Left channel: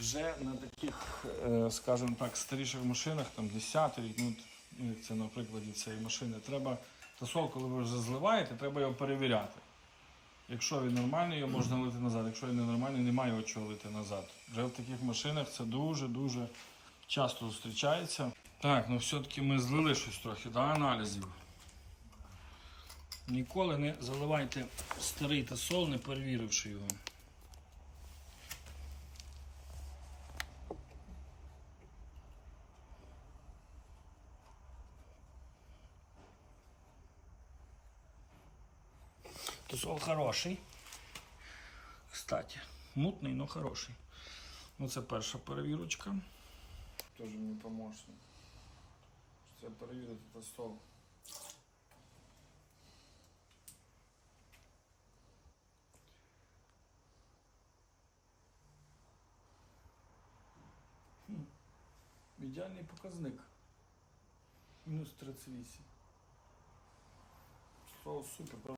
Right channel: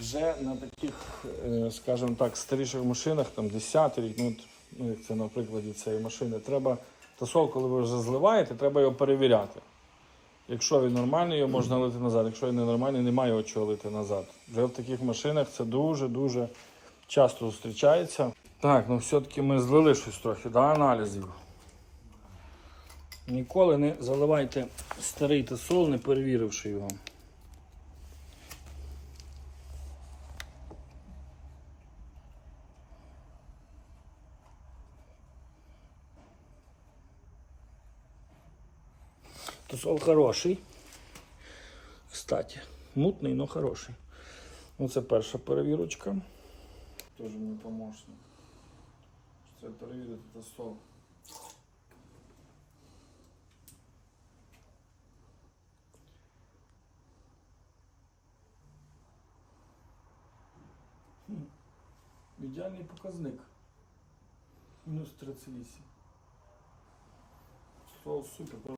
вже на таких, е, скажімо так, старіших машинах, там 10 рік, ну, ну, як це на прикладі цієї машини, треба тосол, коли ви вже зливаєте, треба його перевіряти. Якщо він нормальний, його можна лити назад. Якщо він ненормальний, немає його чого лити назад. Вже в таких машинах це дуже-дуже часто зустрічається. Так, ну все-таки ми злили щось трохи, да, аналізів. Ніколи не заливайте старий тосол, не перевіривши його. Тосол хороший. Кстати, мутний, но хороший. Оце перша перевірочка. Теж мій помощник. Це перевірити тосол. Хм. Ідеальний показник. Мінус 38. Тосол супер.